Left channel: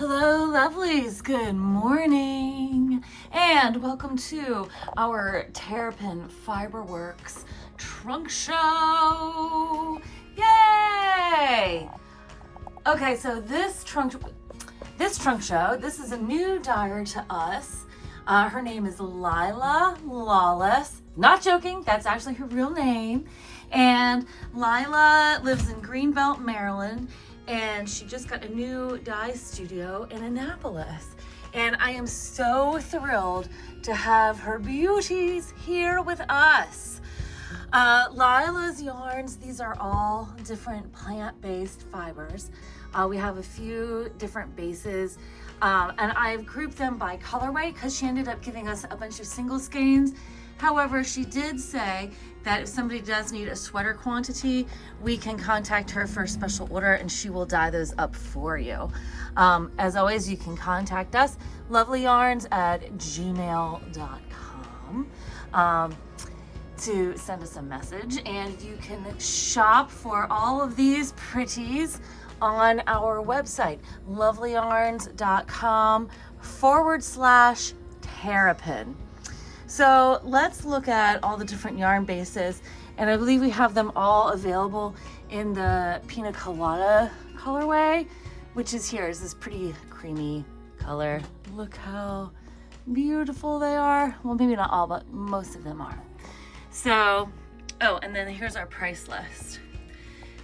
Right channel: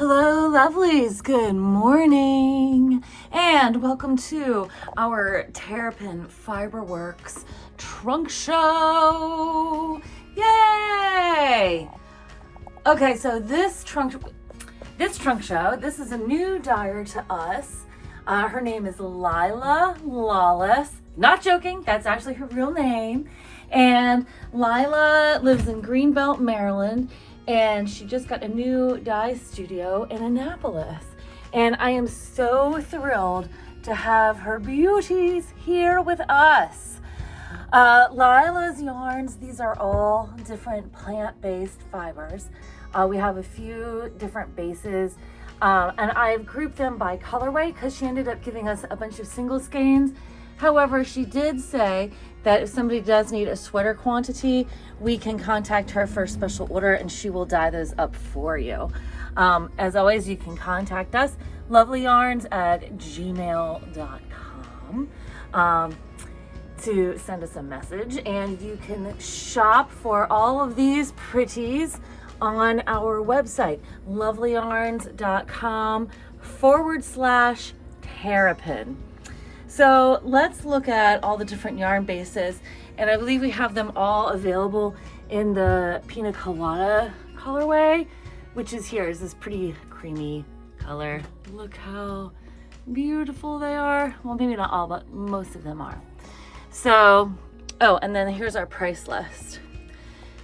Hello, lovelies. Good morning, and welcome to our Terrapin Fiberworks trunk show. Yay! Okay, so this trunk show, this is a new dyer to us. Her name is Lila Lawless. Not joking, that's actually her real name. And Lila lives in Greenbelt, Maryland. And she just got a new dye studio in Annapolis. And I am so thrilled to have her beauties here with us. Lila's yarns, these are all different plant-based fibers. We have a few different bases, and I've grouped them by colorway because she ended up giving us a bunch of single skeins. However, she did say that if somebody does need a sweater quantity, we can contact her for a special order and she will dye those up for you. As always, you can contact us, lovelyyarns@gmail.com, to send us a message, and you can shop for all of these pretties on our website, lovelyyarns.com/terrapin. So let's look at all the different yarn bases, and I believe we have them all available in the Pina Colada colorway, which is here. Is this pretty creamy color. Look how beautiful they are. Well, maybe not all, but most of them are. So, oh, and then here's our price list.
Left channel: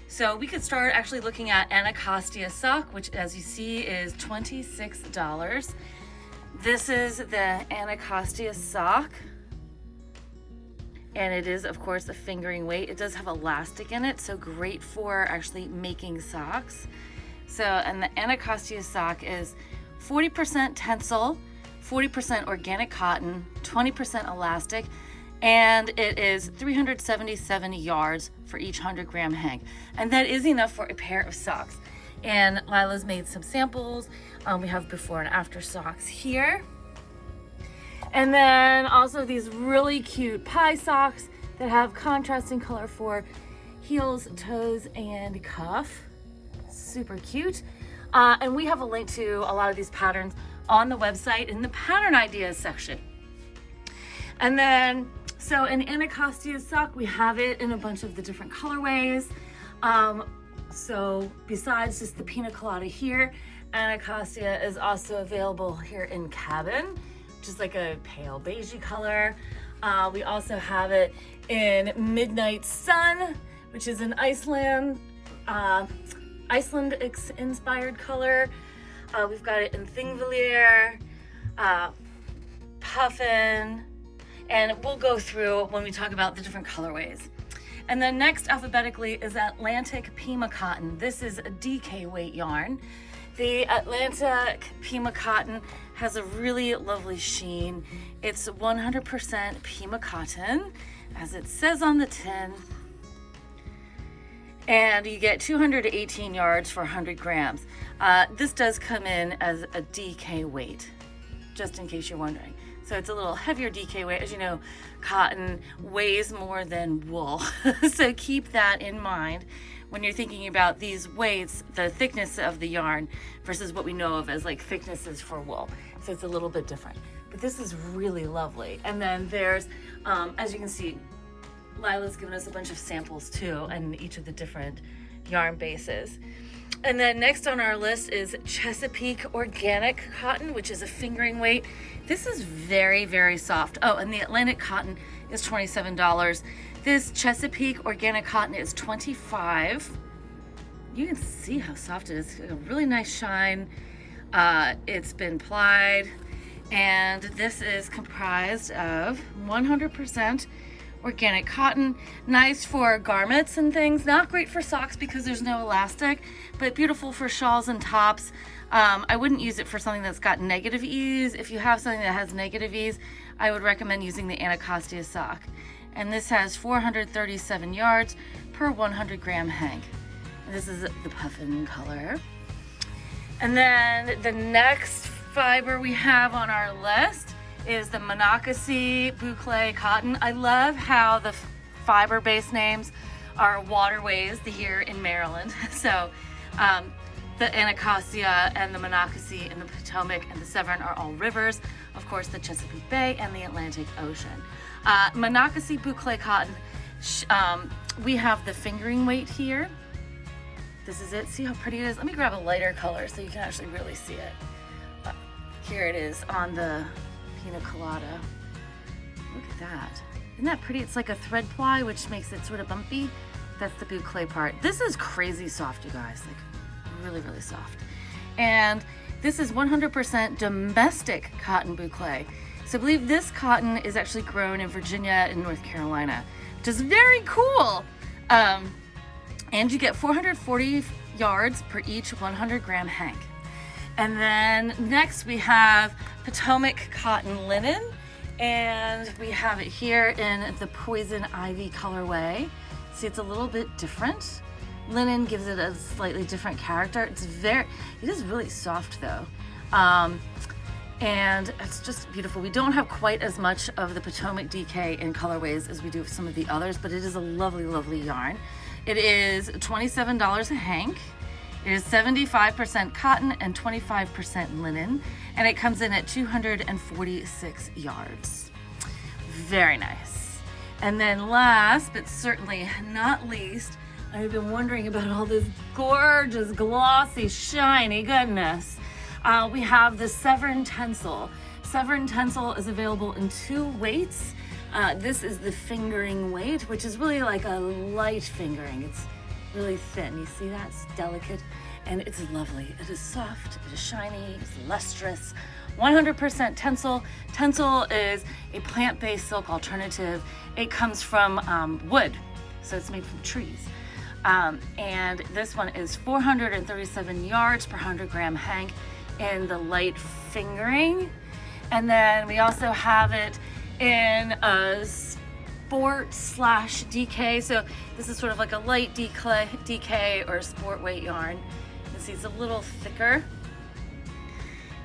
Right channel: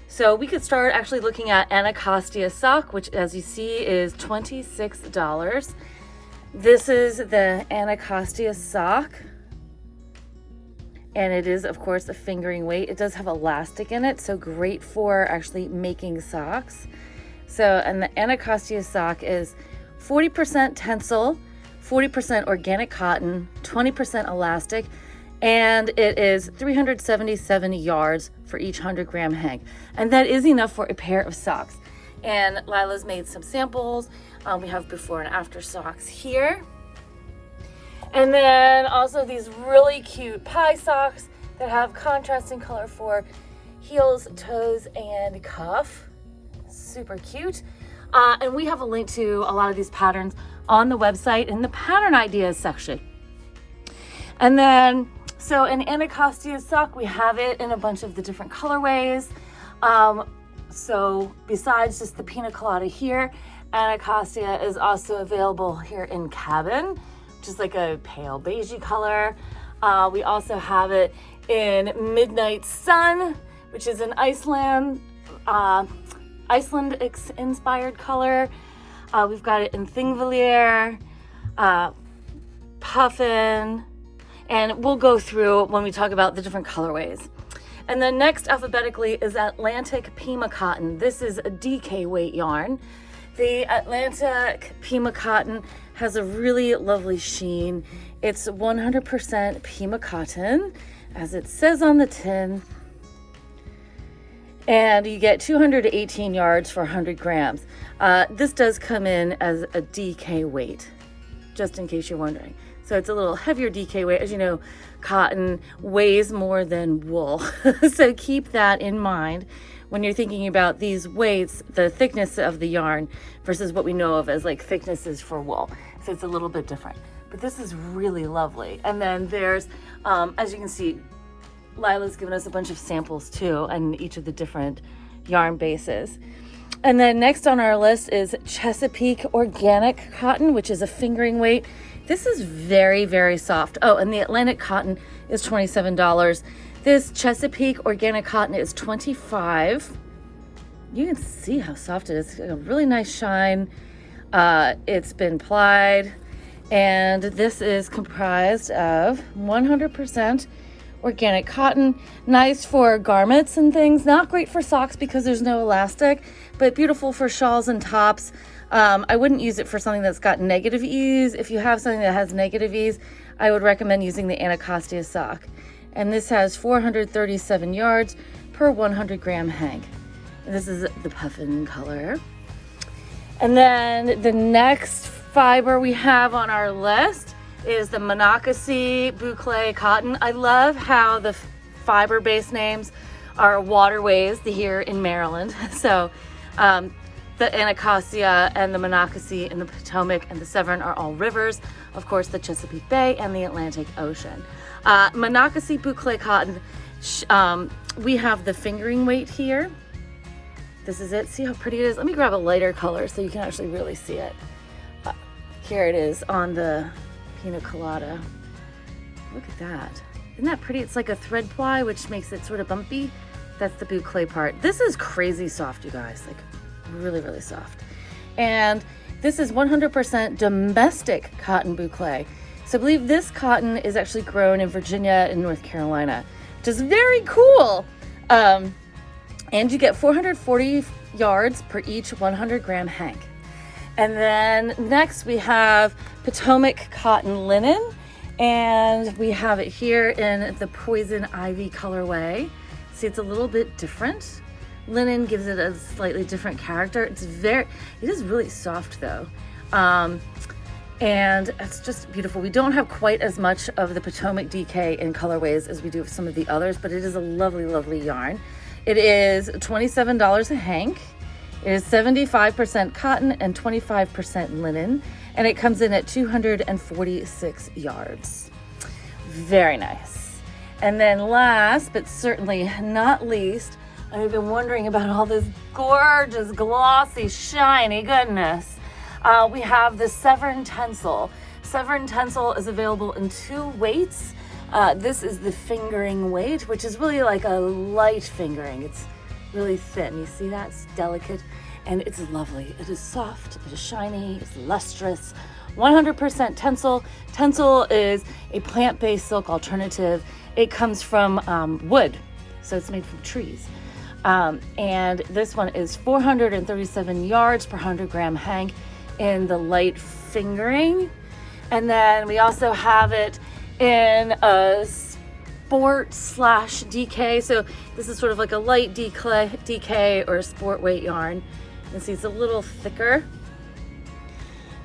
So we could start actually looking at Anacostia sock, which as you see is $26. This is the Anacostia sock, and it is of course a fingering weight. It does have elastic in it, so great for actually making socks. So, and the Anacostia sock is 40% tencel, 40% organic cotton, 20% elastic, and it is 377 yards for each 100-gram hang. And that is enough for a pair of socks. And Lila's made some samples. We have before and after socks here. And then also these really cute pie socks that have contrasting color for heels, toes, and cuff. Super cute. And we have a link to a lot of these patterns on the website in the pattern ideas section. And then, so in Anacostia sock, we have it in a bunch of the different colorways. So besides just the Pina Colada here, Anacostia is also available here in Cabin, just like a pale beigey color. We also have it in Midnight Sun, which is an Iceland inspired color. We've got it in Thingvellir, Puffin, and we'll go through when we talk about the different colorways. And then next alphabetically is Atlantic Pima Cotton. This is a DK weight yarn. The Atlantic Pima Cotton has a really lovely sheen. It's 100% Pima cotton, as it says on the tin. And you get 218 yards for 100 grams. This does come in as a DK weight, just in case you're wondering. So it's a little heavier DK weight. As you know, cotton weighs more than wool. So keep that in mind when you're thinking about these weights, the thickness of the yarn versus what we know of as like thicknesses for wool. So it's a little bit different. But this is really lovely. And then there's, as you can see, Lila's given us a bunch of samples too, and each of the different yarn bases. And then next on our list is Chesapeake Organic Cotton, which is a fingering weight. This is very, very soft. Oh, and the Atlantic Cotton is $27. This Chesapeake Organic Cotton is $25. You can see how soft it is. A really nice shine. It's been plied, and this is comprised of 100% organic cotton. Nice for garments and things. Not great for socks because there's no elastic, but beautiful for shawls and tops. I wouldn't use it for something that's got negative ease. If you have something that has negative ease, I would recommend using the Anacostia sock. And this has 437 yards per 100-gram hang. And this is the puffin color. And then the next fiber we have on our list is the Monocacy Boucle Cotton. I love how the fiber-based names are waterways here in Maryland. So The Anacostia and the Monocacy and the Potomac and the Severn are all rivers. Of course, the Chesapeake Bay and the Atlantic Ocean. Monocacy boucle cotton, we have the fingering weight here. This is it. See how pretty it is? Let me grab a lighter color so you can actually really see it. Here it is on the Pina Colada. Look at that. Isn't that pretty? It's like a thread ply, which makes it sort of bumpy. That's the boucle part. This is crazy soft, you guys. Like, really, really soft. And this is 100% domestic cotton boucle. So I believe this cotton is actually grown in Virginia and North Carolina, which is very cool. And you get 440 yards per each 100 gram hank. And then next we have Potomac cotton linen, and we have it here in the poison ivy colorway. See, it's a little bit different. Linen gives it a slightly different character. It is really soft though. And it's just beautiful. We don't have quite as much of the Potomac DK in colorways as we do with some of the others, but it is a lovely, lovely yarn. It is $27 a hank. It is 75% cotton and 25% linen, and it comes in at 246 yards. Very nice. And then last, but certainly not least, I've been wondering about all this gorgeous, glossy, shiny goodness. We have the Severn Tencel. Severn Tencel is available in 2 weights. This is the fingering weight, which is really like a light fingering. It's really thin. You see that? It's delicate and it's lovely. It is soft, it is shiny, it's lustrous. 100% Tencel. Tencel is a plant-based silk alternative. It comes from wood, so it's made from trees. And this one is 437 yards per 100 gram hank in the light fingering. And then we also have it in a sport / DK. So this is sort of like a light DK or a sport weight yarn. You see it's a little thicker.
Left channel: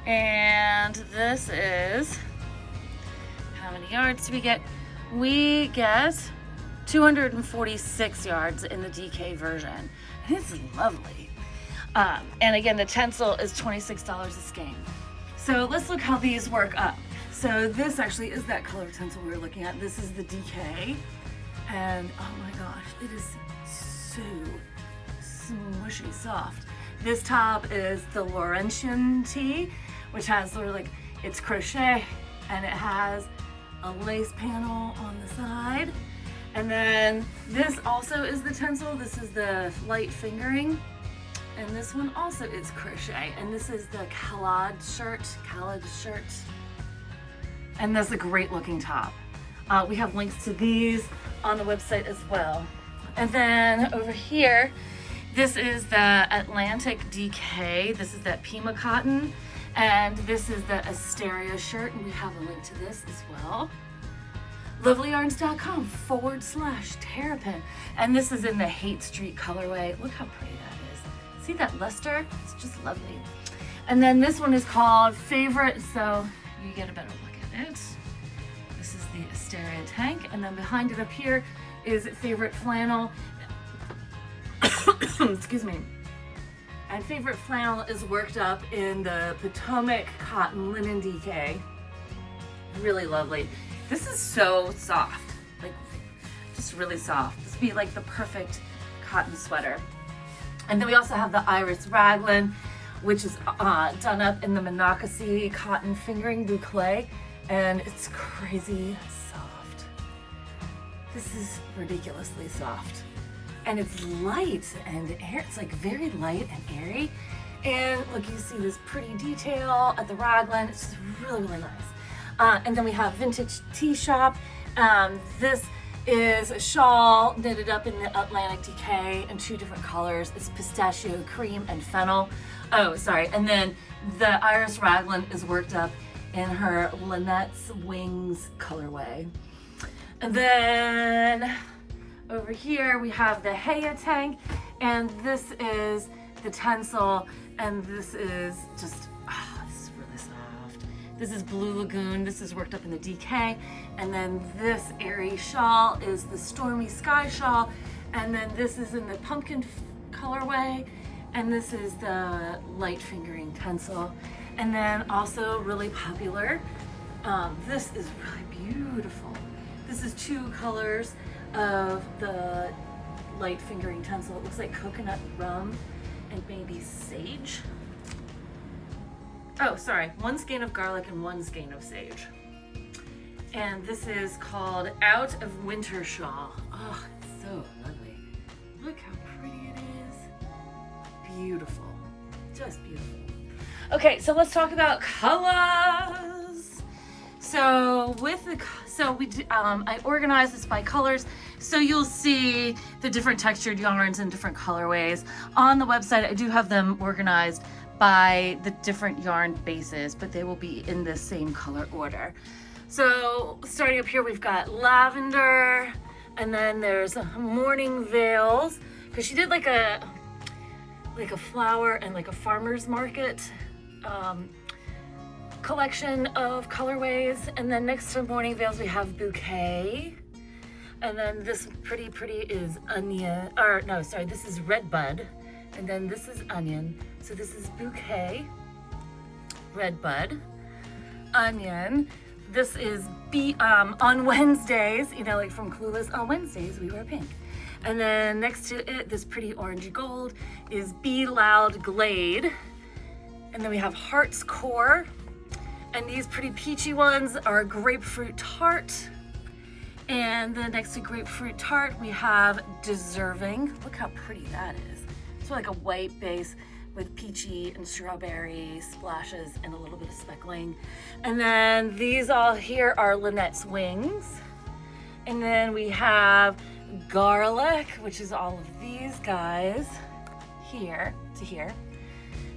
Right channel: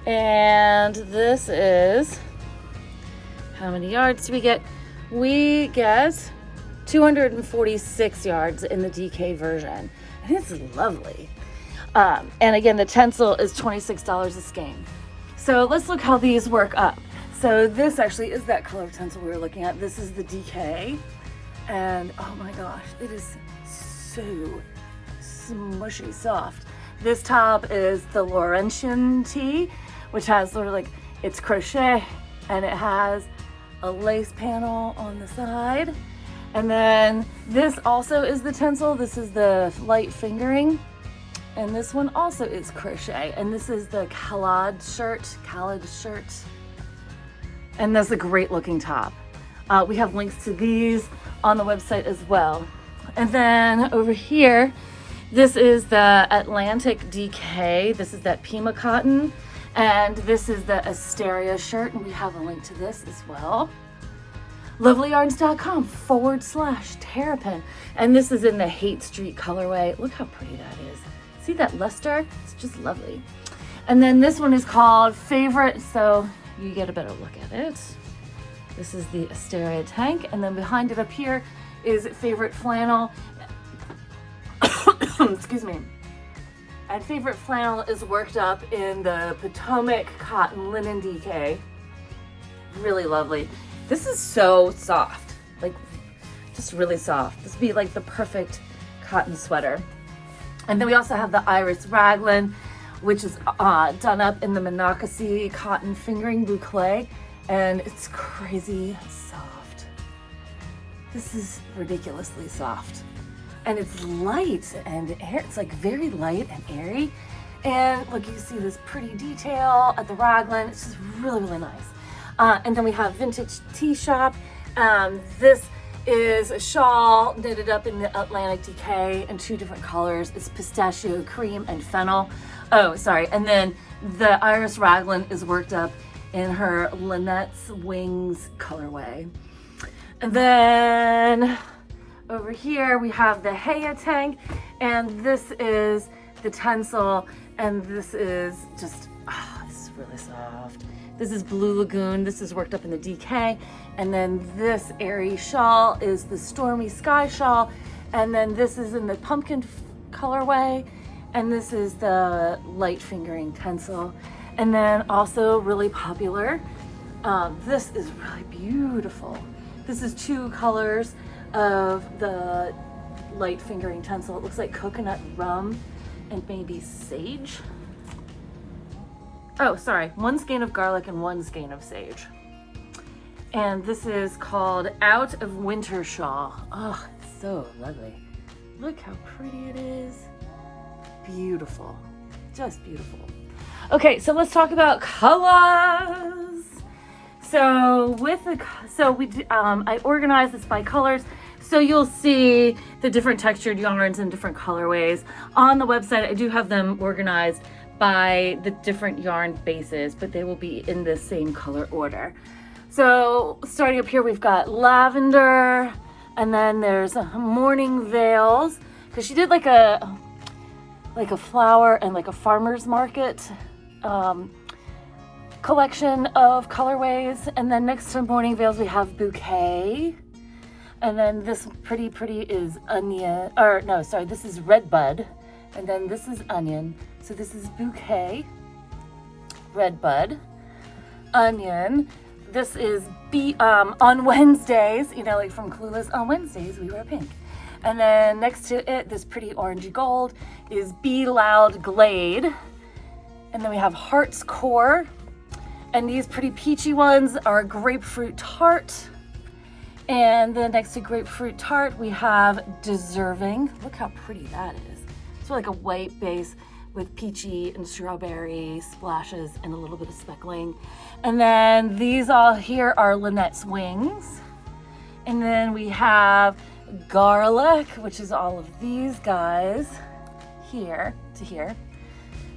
And this is, how many yards do we get? We get 246 yards in the DK version. And it's lovely. And again, the Tencel is $26 a skein. So let's look how these work up. So this actually is that color Tencel we were looking at. This is the DK. And oh my gosh, it is so smushy soft. This top is the Laurentian tee, which has sort of like, it's crochet and it has a lace panel on the side. And then this also is the Tencel. This is the light fingering. And this one also is crochet. And this is the Khalid shirt. And that's a great looking top. We have links to these on the website as well. And then over here, this is the Atlantic DK. This is that Pima cotton. And this is the Asteria shirt. And we have a link to this as well. lovelyyarns.com/Terrapin. And this is in the Hate Street colorway. Look how pretty that is. See that luster? It's just lovely. And then this one is called Favorite, so you get a better look at it. This is the Asteria tank, and then behind it up here is Favorite Flannel. Excuse me. And Favorite Flannel is worked up in the Potomac cotton linen DK. Really lovely. This is so soft, like just really soft. This would be like the perfect cotton sweater. And then we also have the Iris Raglan, which is done up in the Monocacy cotton fingering boucle, and it's crazy soft. This is ridiculously soft. And it's light and air. It's like very light and airy. And look, you see this pretty detail at the raglan. It's just really, really nice. And then we have Vintage Tea Shop. This is a shawl knitted up in the Atlantic DK in 2 different colors. It's pistachio cream and fennel. Oh, sorry. And then the Iris Raglan is worked up in her Lynette's Wings colorway. And then over here we have the Heya tank, and this is the Tencel, and this is just, this is really soft. This is Blue Lagoon. This is worked up in the DK. And then this airy shawl is the Stormy Sky shawl. And then this is in the pumpkin colorway. And this is the light fingering tencel. And then also really popular, this is really beautiful. This is 2 colors of the light fingering tencel. It looks like coconut rum and maybe sage. Oh, sorry, 1 skein of garlic and 1 skein of sage. And this is called Out of Winter Shawl. Oh, it's so lovely. Look how pretty it is. Beautiful, just beautiful. Okay, so let's talk about colors. So I organized this by colors. So you'll see the different textured yarns and different colorways. On the website, I do have them organized by the different yarn bases, but they will be in the same color order. So starting up here, we've got lavender, and then there's morning veils, because she did like a flower and like a farmer's market collection of colorways. And then next to morning veils, we have bouquet. And then this pretty is onion, or no, sorry, this is red bud. And then this is onion. So this is bouquet, red bud, onion. This is on Wednesdays, you know, like from Clueless, on Wednesdays we wear pink. And then next to it, this pretty orangey gold is Be Loud Glade. And then we have Heart's Core. And these pretty peachy ones are Grapefruit Tart. And then next to Grapefruit Tart, we have Deserving. Look how pretty that is. It's like a white base with peachy and strawberry splashes and a little bit of speckling. And then these all here are Lynette's Wings. And then we have Garlic, which is all of these guys here to here.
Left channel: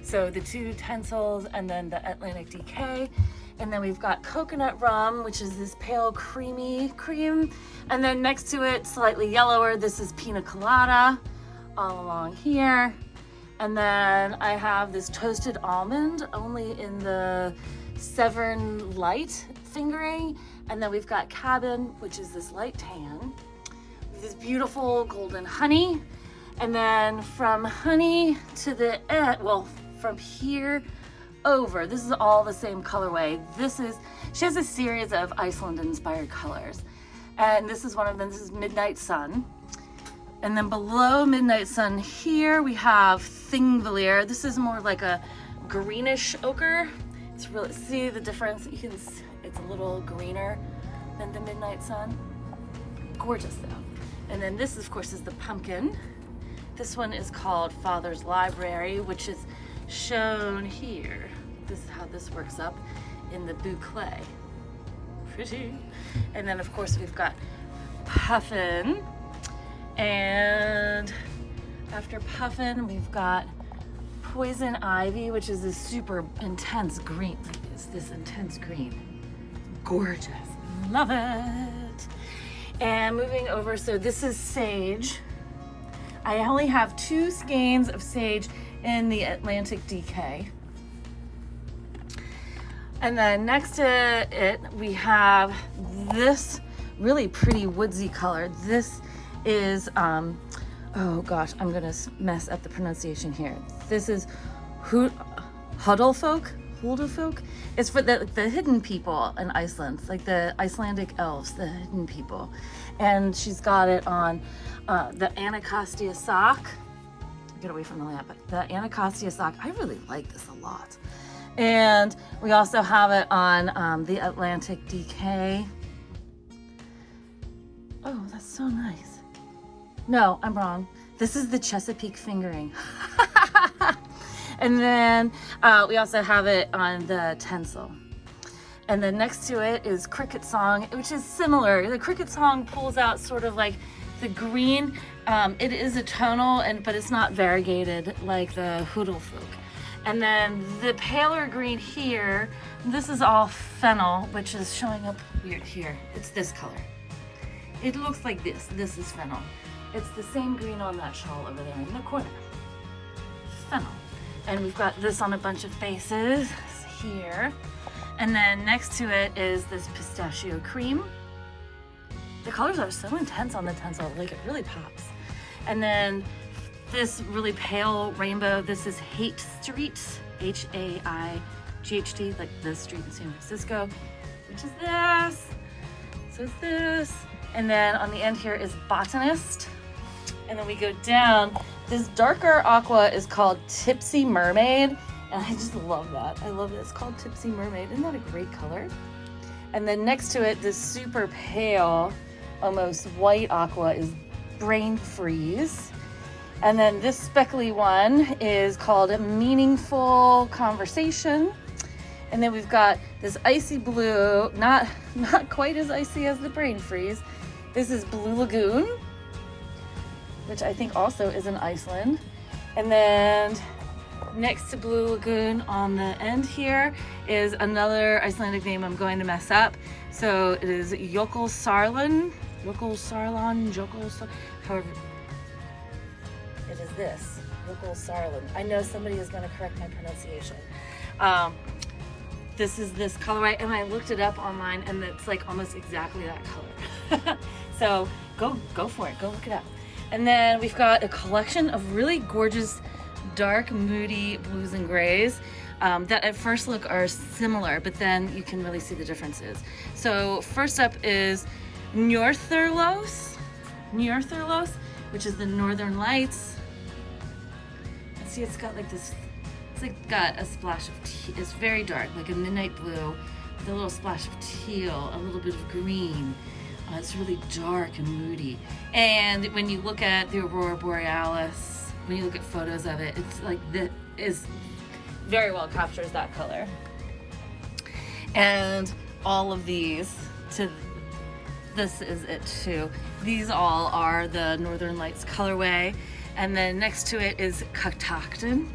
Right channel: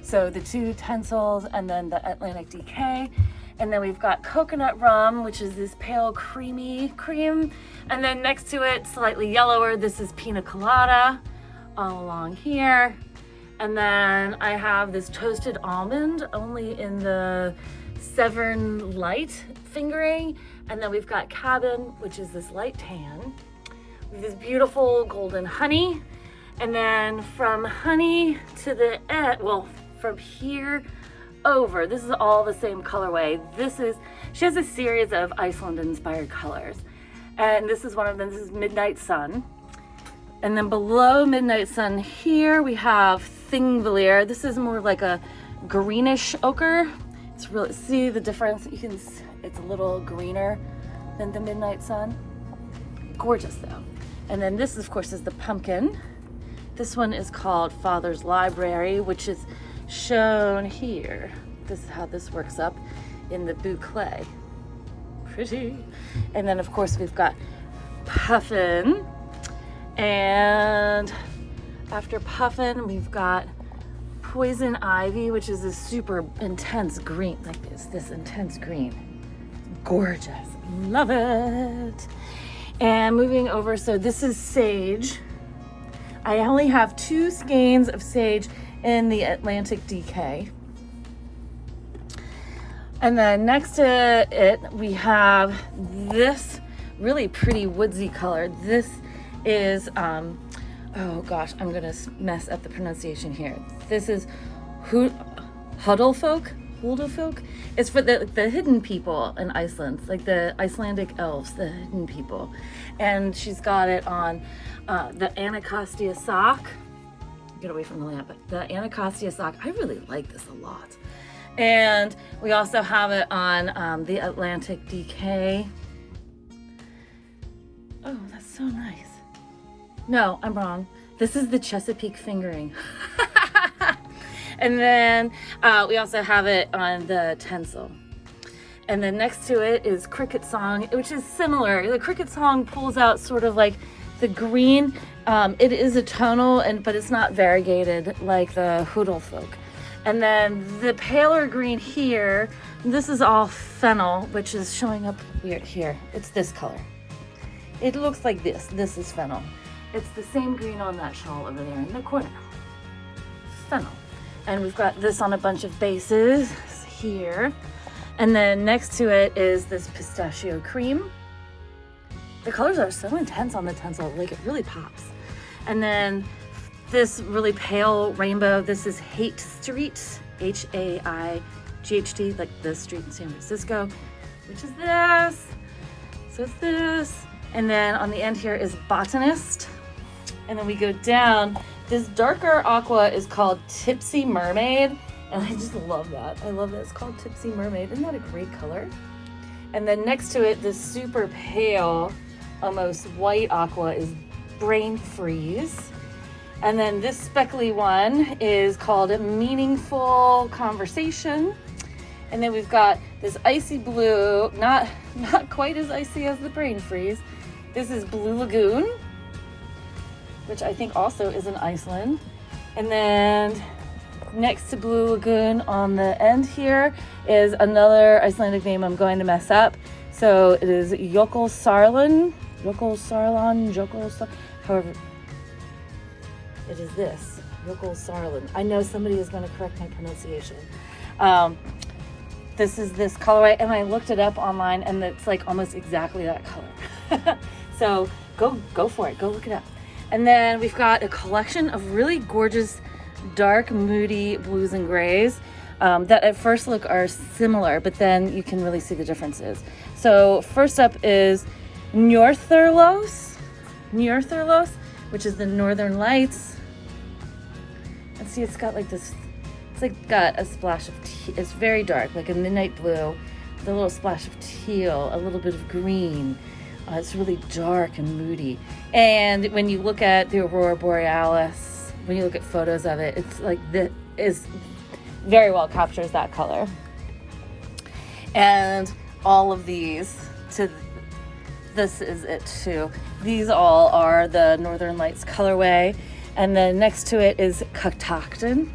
So the 2 tencels and then the Atlantic DK. And then we've got Coconut Rum, which is this pale creamy cream. And then next to it, slightly yellower, this is Pina Colada all along here. And then I have this Toasted Almond, only in the Severn Light fingering. And then we've got Cabin, which is this light tan. With this beautiful golden honey. And then from honey to the end, well, from here over, this is all the same colorway. She has a series of Iceland inspired colors. And this is one of them, this is Midnight Sun. And then below Midnight Sun here, we have Thingvellir. This is more like a greenish ochre. It's really, see the difference? It's a little greener than the Midnight Sun. Gorgeous though. And then this, of course, is the pumpkin. This one is called Father's Library, which is shown here. This is how this works up in the boucle. Pretty. And then, of course, we've got Puffin. And after Puffin, we've got Poison Ivy, which is this super intense green, like this intense green. Gorgeous. Love it. And moving over, so this is Sage. I only have 2 skeins of Sage in the Atlantic DK. And then next to it, we have this really pretty woodsy color. This is, oh gosh, I'm gonna mess up the pronunciation here. This is Huddlefolk. It's for the hidden people in Iceland, like the Icelandic elves, the hidden people. And she's got it on the Anacostia sock. Get away from the lamp, but the Anacostia sock, I really like this a lot. And we also have it on the Atlantic DK. Oh, that's so nice. No, I'm wrong. This is the Chesapeake fingering. And then we also have it on the tencel. And then next to it is Cricket Song, which is similar. The Cricket Song pulls out sort of like the green. It is a tonal, but it's not variegated like the Huddlefolk. And then the paler green here, this is all fennel, which is showing up weird here. It's this color. It looks like this. This is fennel. It's the same green on that shawl over there in the corner. Fennel. And we've got this on a bunch of bases here. And then next to it is this pistachio cream. The colors are so intense on the tencel, like it really pops. And then this really pale rainbow. This is Haight Street, H-A-I-G-H-T, like the street in San Francisco, which is this. So it's this. And then on the end here is Botanist. And then we go down. This darker aqua is called Tipsy Mermaid. And I just love that. I love that it's called Tipsy Mermaid. Isn't that a great color? And then next to it, this super pale, almost white aqua is Brain Freeze. And then this speckly one is called Meaningful Conversation. And then we've got this icy blue, not quite as icy as the Brain Freeze. This is Blue Lagoon, which I think also is in Iceland. And then next to Blue Lagoon on the end here is another Icelandic name I'm going to mess up. So it is Jökulsárlón, however, it is this, Jökulsárlón. I know somebody is going to correct my pronunciation. This is this colorway, and I looked it up online, and it's like almost exactly that color. So go for it, go look it up. And then we've got a collection of really gorgeous, dark, moody blues and grays that at first look are similar, but then you can really see the differences. So first up is Njörðurljós, which is the Northern Lights. And see, it's got like this, it's like got a splash of it's very dark, like a midnight blue, with a little splash of teal, a little bit of green. It's really dark and moody. And when you look at the Aurora Borealis, when you look at photos of it, it's like this is very well captures that color. And all of these, this is it too. These all are the Northern Lights colorway. And then next to it is Catoctin.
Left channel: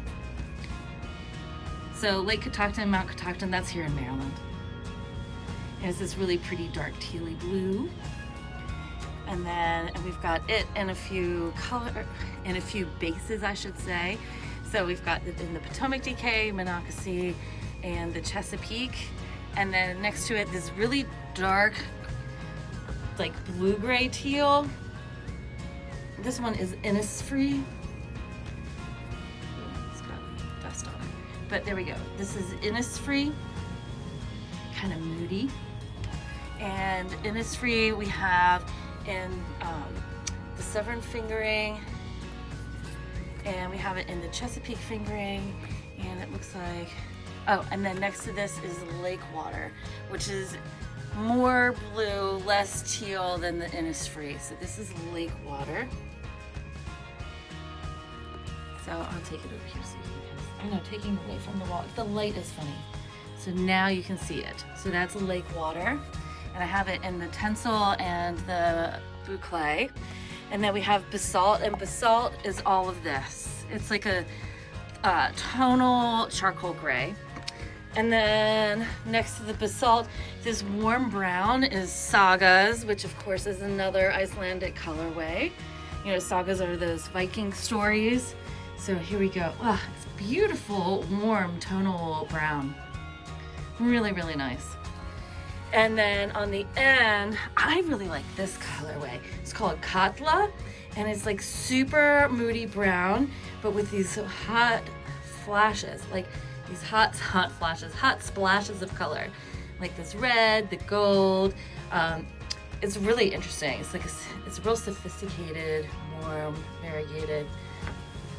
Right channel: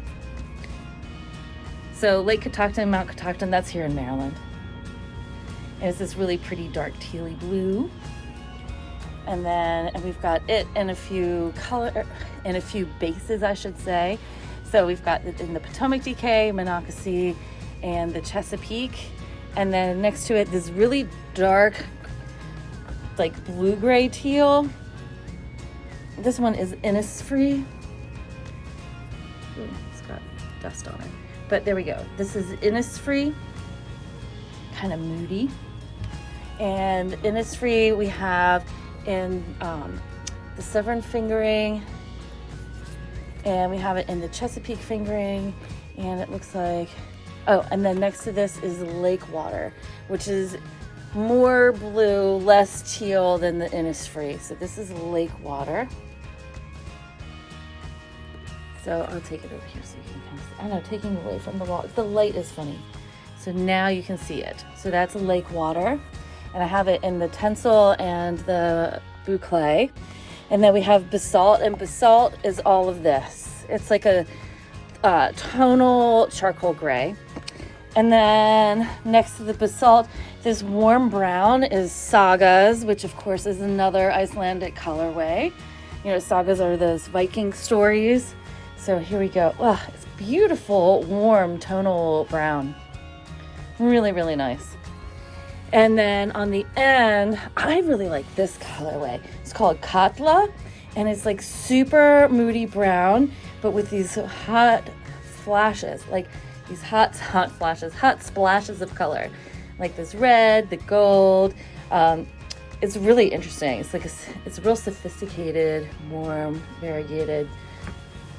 So Lake Catoctin, Mount Catoctin, that's here in Maryland. And it's this really pretty dark tealy blue. And then we've got it in a few bases, I should say. So we've got it in the Potomac DK, Monocacy, and the Chesapeake. And then next to it, this really dark, like blue-gray teal. This one is Innisfree. Ooh, it's got dust on it. But there we go. This is Innisfree, kind of moody. And Innisfree we have in the Severn fingering, and we have it in the Chesapeake fingering, and it looks like, oh, and then next to this is Lake Water, which is more blue, less teal than the Innisfree. So this is Lake Water. So I'll take it over here so you can, I know, taking away from the wall. The light is funny. So now you can see it. So that's Lake Water. And I have it in the Tencel and the Boucle. And then we have Basalt, and Basalt is all of this. It's like a tonal charcoal gray. And then next to the Basalt, this warm brown is Sagas, which of course is another Icelandic colorway. You know, Sagas are those Viking stories. So here we go. Wow, it's beautiful, warm, tonal brown. Really, really nice. And then on the end, I really like this colorway. It's called Katla, and it's like super moody brown, but with these hot flashes, like these hot flashes, hot splashes of color, like this red, the gold. It's really interesting. It's like it's real sophisticated, warm, variegated,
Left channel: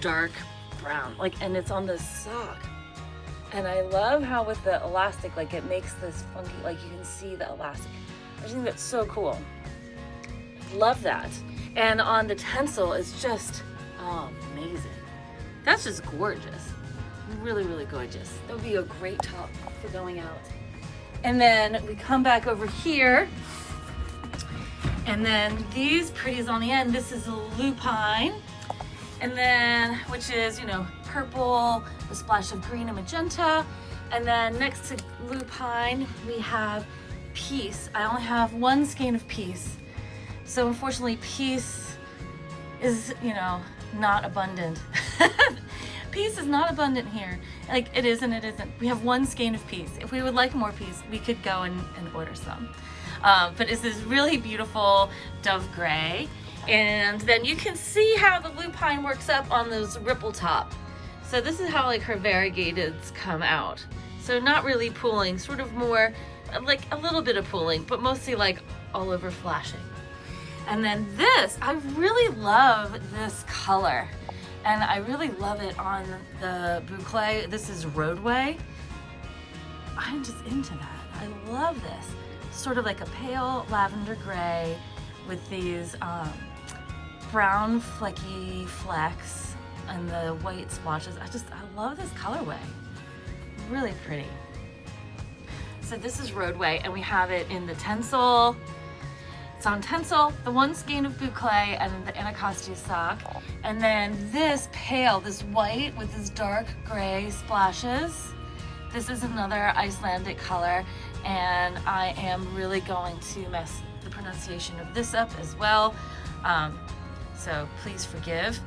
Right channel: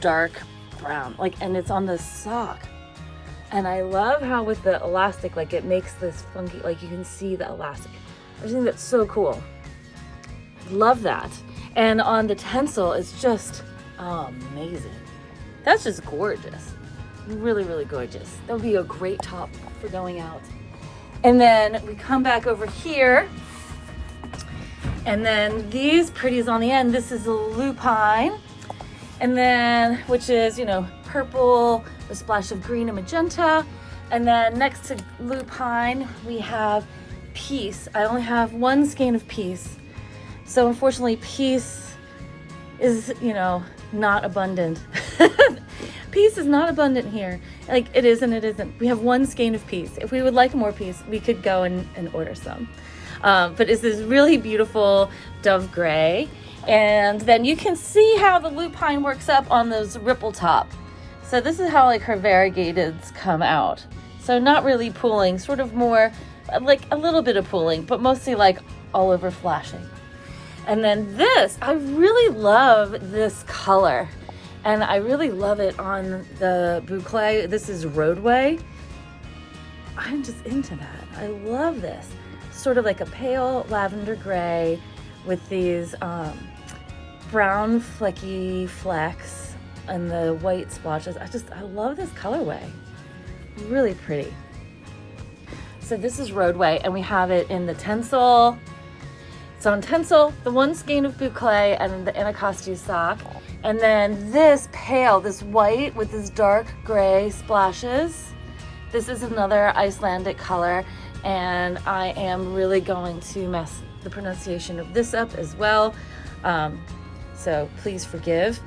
dark brown. Like, and it's on the sock. And I love how with the elastic, like it makes this funky, like you can see the elastic. I think that's so cool. Love that. And on the Tencel, it's just amazing. That's just gorgeous. Really, really gorgeous. That would be a great top for going out. And then we come back over here. And then these pretties on the end, this is a lupine. And then, which is, you know, purple, a splash of green and magenta. And then next to lupine, we have Peace. I only have one skein of Peace. So unfortunately, Peace is, you know, not abundant. Peace is not abundant here. Like, it is and it isn't. We have one skein of Peace. If we would like more Peace, we could go and order some. But it's this really beautiful dove gray. And then you can see how the lupine works up on those ripple top. So this is how like her variegateds come out. So not really pooling, sort of more like a little bit of pooling, but mostly like all over flashing. And then this, I really love this color. And I really love it on the boucle. This is Roadway. I'm just into that. I love this. Sort of like a pale lavender gray with these brown flecky flecks and the white splotches. I love this colorway. Really pretty. So this is Roadway, and we have it in the Tencel. It's on Tencel, the one skein of boucle, and the Anacostia sock. And then this pale, this white with this dark gray splashes. This is another Icelandic color, and I am really going to mess the pronunciation of this up as well. So please forgive.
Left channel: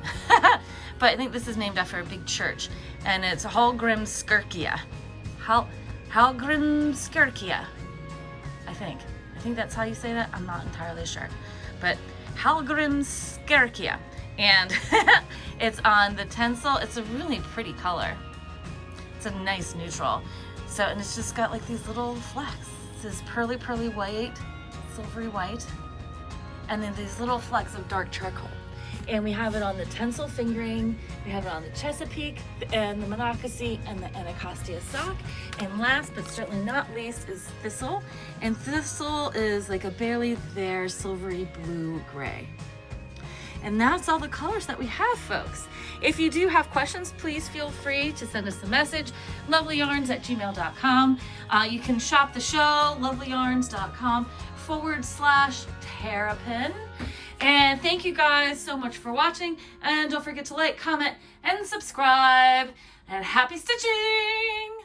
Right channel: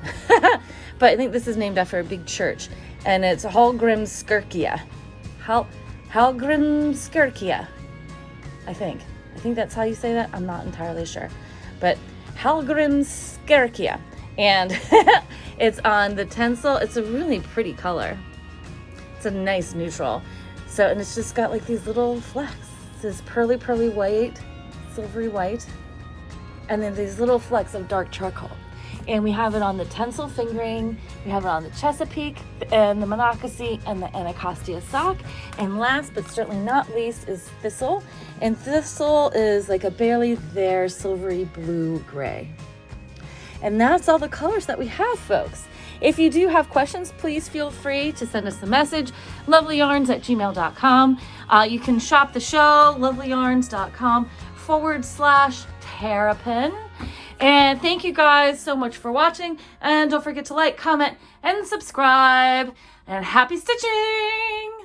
But I think this is named after a big church, and it's Hallgrímskirkja. Hallgrímskirkja, I think that's how you say that. I'm not entirely sure, but Hallgrímskirkja, and it's on the Tencel. It's a really pretty color. It's a nice neutral. So, and it's just got like these little flecks. This pearly white, silvery white, and then these little flecks of dark charcoal. And we have it on the Tencel fingering, we have it on the Chesapeake, and the Monocacy, and the Anacostia sock. And last but certainly not least is Thistle. And Thistle is like a barely there silvery blue gray. And that's all the colors that we have, folks. If you do have questions, please feel free to send us a message, lovelyyarns@gmail.com. You can shop the show, lovelyyarns.com/Terrapin. And thank you guys so much for watching. And don't forget to like, comment, and subscribe. And happy stitching!